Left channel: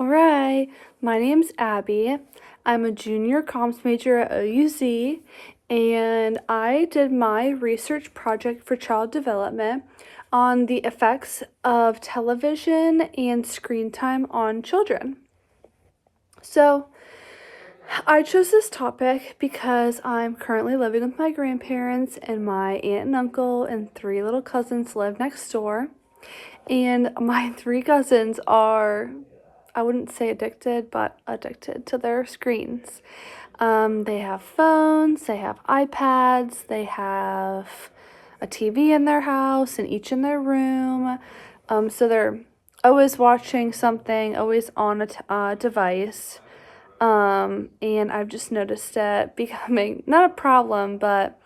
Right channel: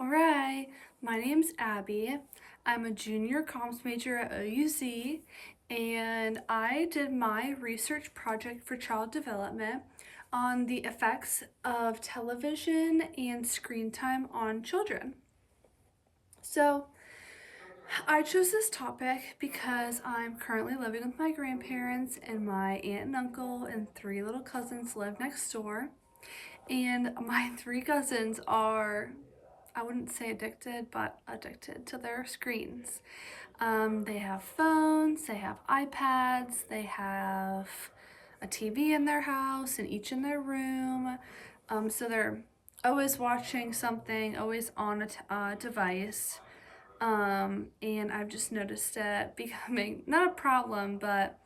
Alright, my name's Abby. I'm a junior comms major at OUZ, and I did my research project for child development on the effects of television and screen time on children. So, I chose this topic because I'm currently living with my grandparents, and my aunt and uncle and 3 little cousins live next door. And my 3 cousins are, I wouldn't say addicted, but addicted to their screens. They have phones, they have iPads, they have a TV in their house and each in their room. So they're always watching something, always on a device. And I've just noticed it becoming not a problem, but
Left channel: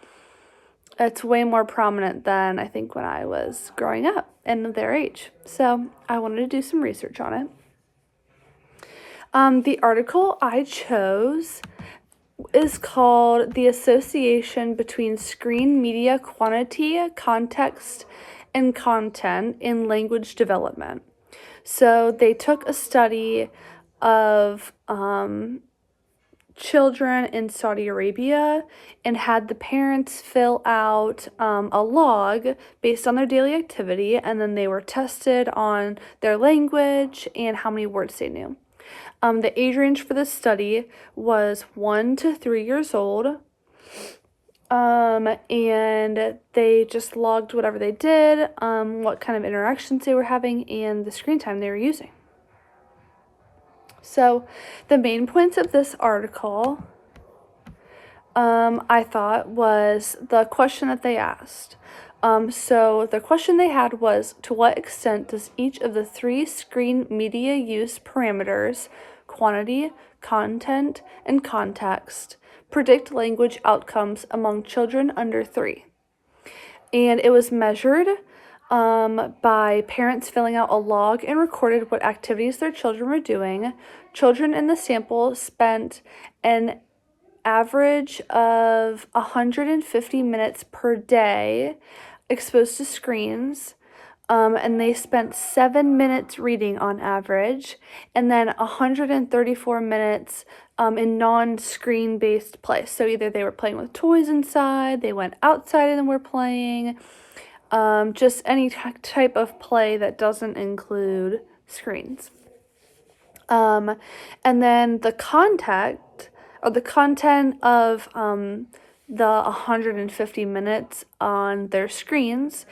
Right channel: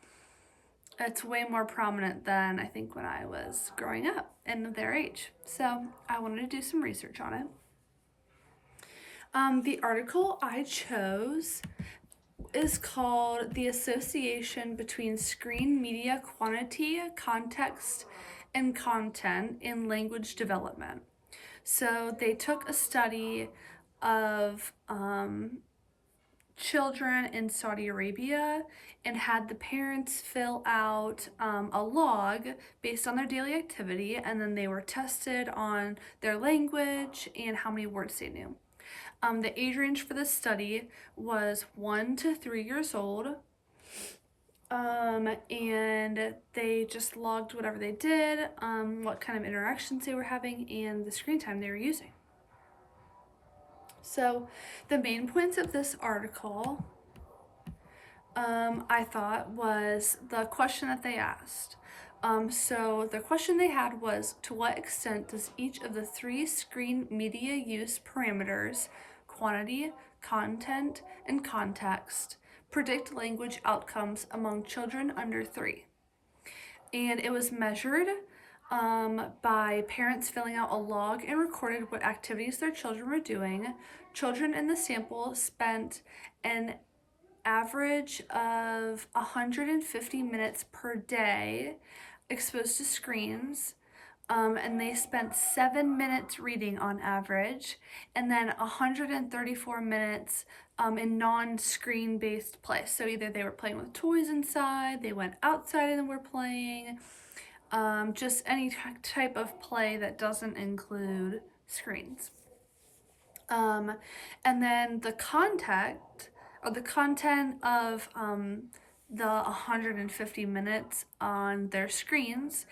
it's way more prominent than I think when I was growing up and their age. So I wanted to do some research on it. The article I chose is called The Association Between Screen Media Quantity, Context, and Content in Language Development. So they took a study of children in Saudi Arabia and had the parents fill out a log based on their daily activity, and then they were tested on their language and how many words they knew. The age range for this study was 1 to 3 years old, and they just logged whatever they did, what kind of interactions they were having, and the screen time they were using. So the main points of this article, I thought, was the question that they asked. So the question they had was, to what extent does each of the 3 screen media use parameters, quantity, content, and context, predict language outcomes among children under 3? And it was measured by parents filling out a log and recorded what activities their children were doing. Children in the sample spent an average of 150 minutes per day exposed to screens, and they spent 7 minutes reading on average, and then 134 minutes in non-screen based play. So either they were playing with toys inside, they went outside and were playing, just any type of play that doesn't include screens. And then the content of the 150 minutes on their screens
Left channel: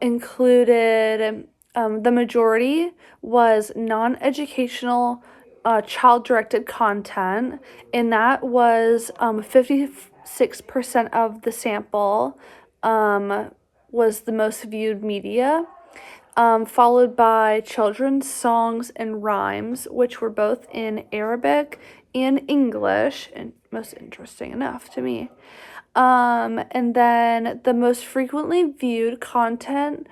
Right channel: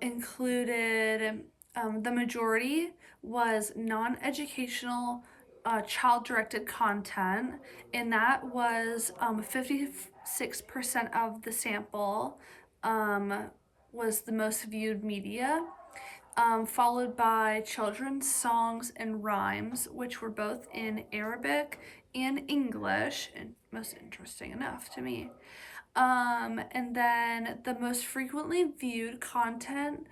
included, the majority was non-educational child-directed content, and that was 56% of the sample was the most viewed media, followed by children's songs and rhymes, which were both in Arabic and English, and most interesting enough to me. And then the most frequently viewed content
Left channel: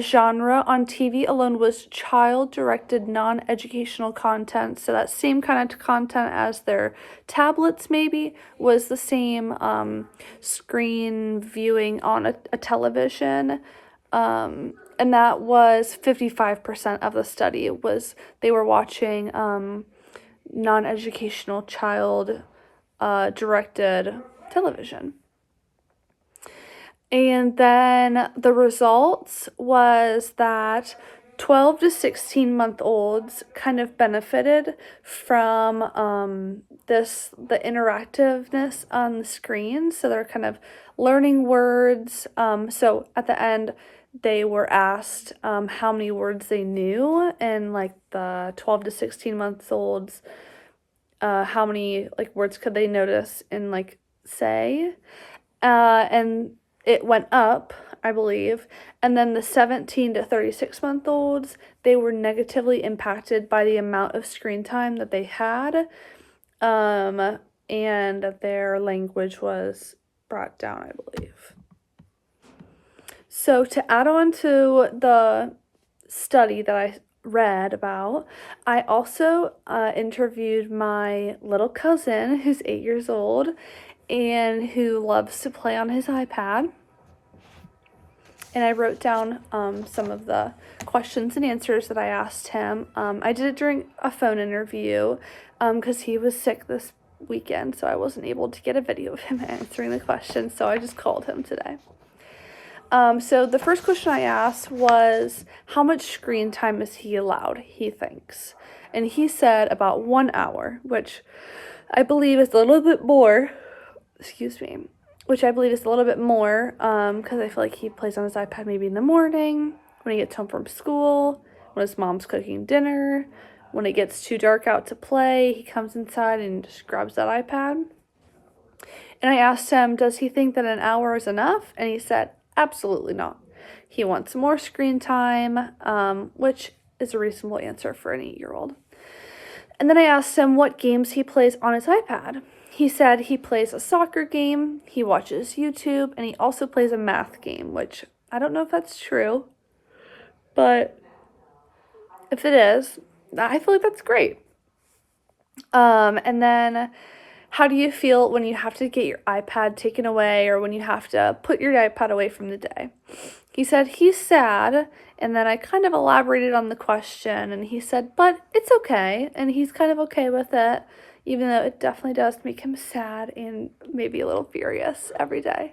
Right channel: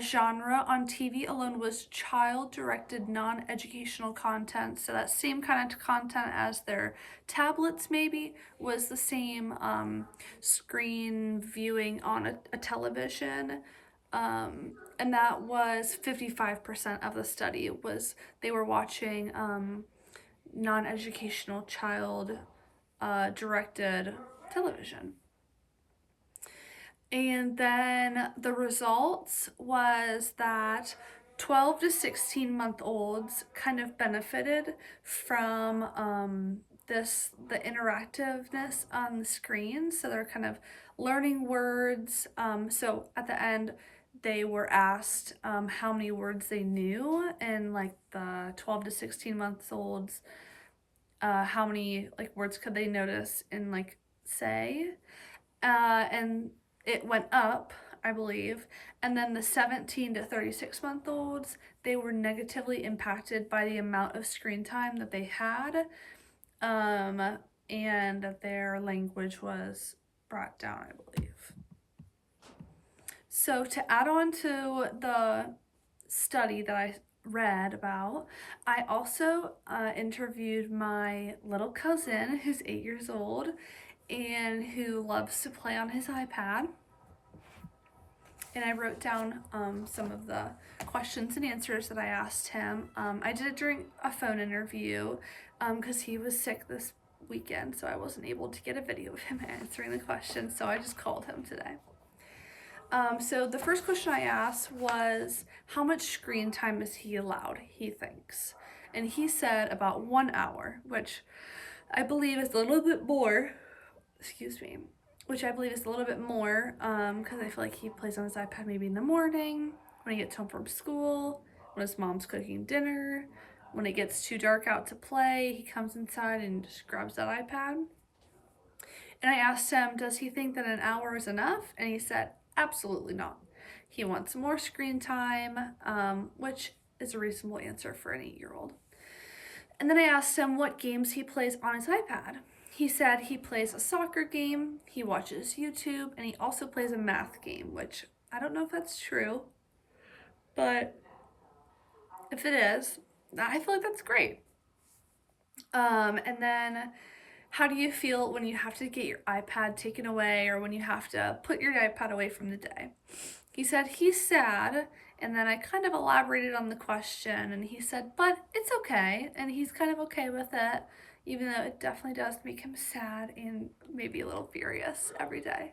genre on TV alone was child-directed non-educational content. So that same kind of content as their tablets maybe was the same screen viewing on a television. And that was 55% of the study was they were watching non-educational child directed television. And then the results was that 12 to 16-month-olds kind of benefited from the interactiveness on the screen. So they're kind of learning words. So at the end, they were asked how many words they knew, and like the 12 to 16-month-olds, how many like words could they notice and like say, and it went up, I believe. And then the 17 to 36-month-olds, they were negatively impacted by the amount of screen time that they had, and their language was brought down, I believe. So to add on to the study that I read about, I also interviewed my little cousin who's 8 years old and who loves to play on his iPad. and I wrote down some of the questions and answers that I asked him. I did it during a phone interview because he was sick this weekend, so I wasn't able to get a video of him answering the questions, so I just called him today. So the first question I asked was, how much screen time is he allowed, he thinks? And he said about 1 hour, which I believe is a little bit more, because I feel like he plays on his iPad maybe in the morning, when he gets home from school, when his mom's cooking dinner, when it gets too dark out to play, he comes inside and just grabs that iPad. And I asked him, does he think that an hour is enough? And he said, absolutely not. He wants more screen time, which is a reasonable answer for an 8-year-old. And then I asked him what games he plays on his iPad. He said he plays a soccer game, he watches YouTube, and he also plays a math game, which I don't know if that's true, but if it is, I feel like that's great. And then, how do you feel when you have to get your iPad taken away or when you have to put your iPad away from the day? He said he's sad, and then I kind of elaborated on the question, and he said, but it's okay, and he's kind of okay with it, even though it definitely does make him sad and maybe a little furious every day.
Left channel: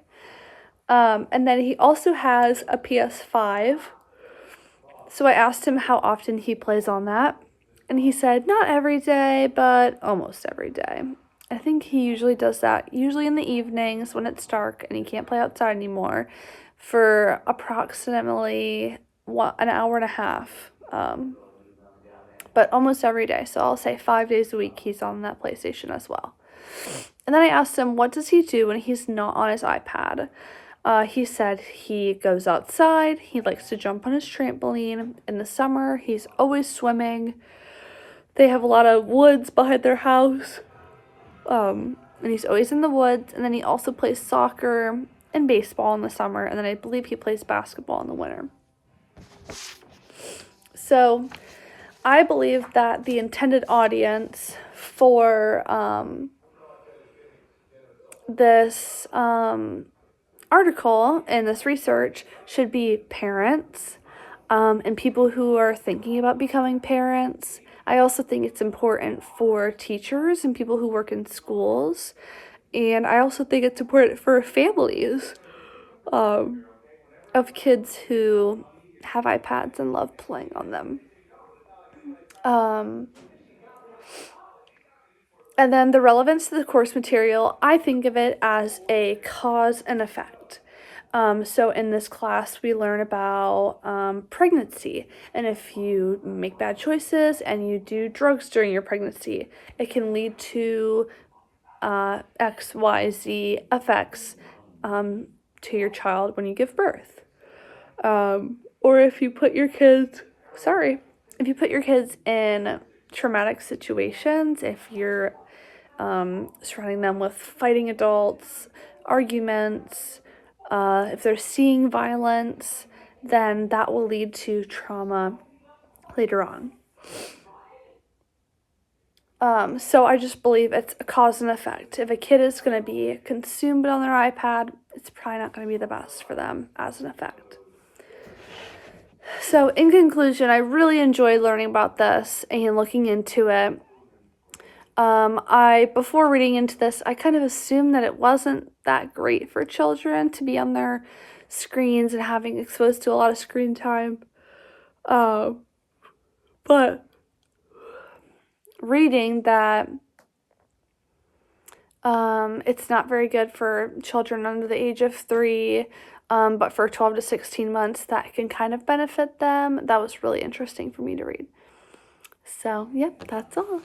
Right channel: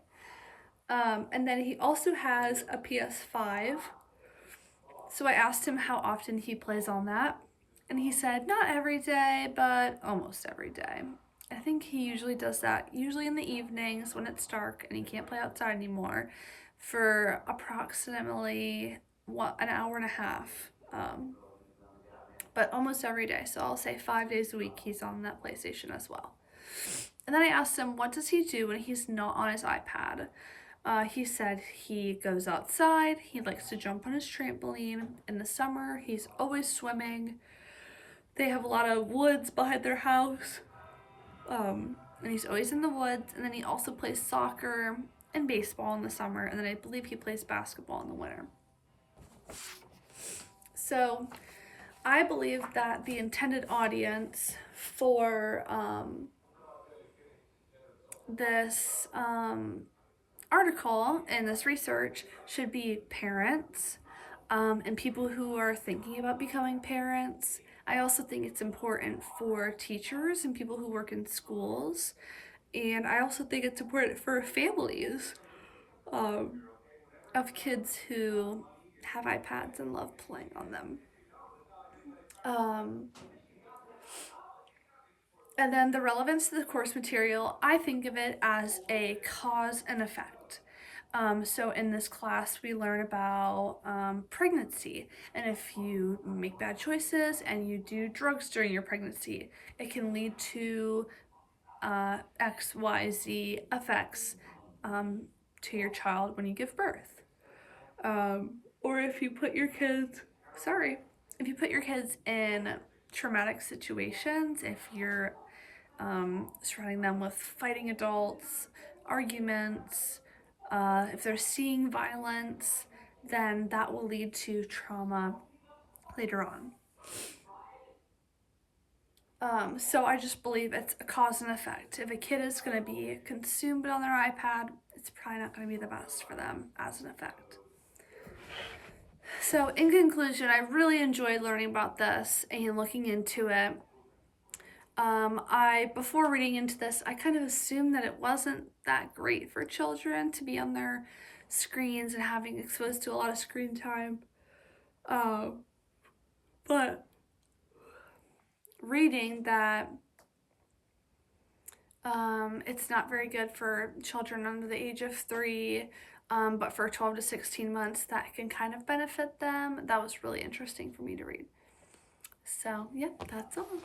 And then he also has a PS5, so I asked him how often he plays on that, and he said not every day, but almost every day. I think he usually does that, usually in the evenings when it's dark and he can't play outside anymore, for approximately an hour and a half, but almost every day. So I'll say 5 days a week he's on that PlayStation as well. And then I asked him, what does he do when he's not on his iPad? He said he goes outside, he likes to jump on his trampoline. In the summer, he's always swimming. They have a lot of woods behind their house, and he's always in the woods. And then he also plays soccer and baseball in the summer, and then I believe he plays basketball in the winter. So I believe that the intended audience for this article and this research should be parents and people who are thinking about becoming parents. I also think it's important for teachers and people who work in schools. And I also think it's important for families of kids who have iPads and love playing on them. And then the relevance to the course material, I think of it as a cause and effect. So in this class, we learn about pregnancy. And if you make bad choices and you do drugs during your pregnancy, it can lead to X, Y, Z effects to your child when you give birth. Or if you put your kids in traumatic situations, if you're surrounding them with fighting adults, arguments, if they're seeing violence, then that will lead to trauma later on. So I just believe it's a cause and effect. If a kid is going to be consumed on their iPad, it's probably not going to be the best for them as an effect. So in conclusion, I really enjoyed learning about this and looking into it. Before reading into this, I kind of assumed that it wasn't that great for children to be on their screens and having exposed to a lot of screen time. But reading that it's not very good for children under the age of 3, but for 12 to 16 months, that can kind of benefit them. That was really interesting for me to read. So, yep, that's all.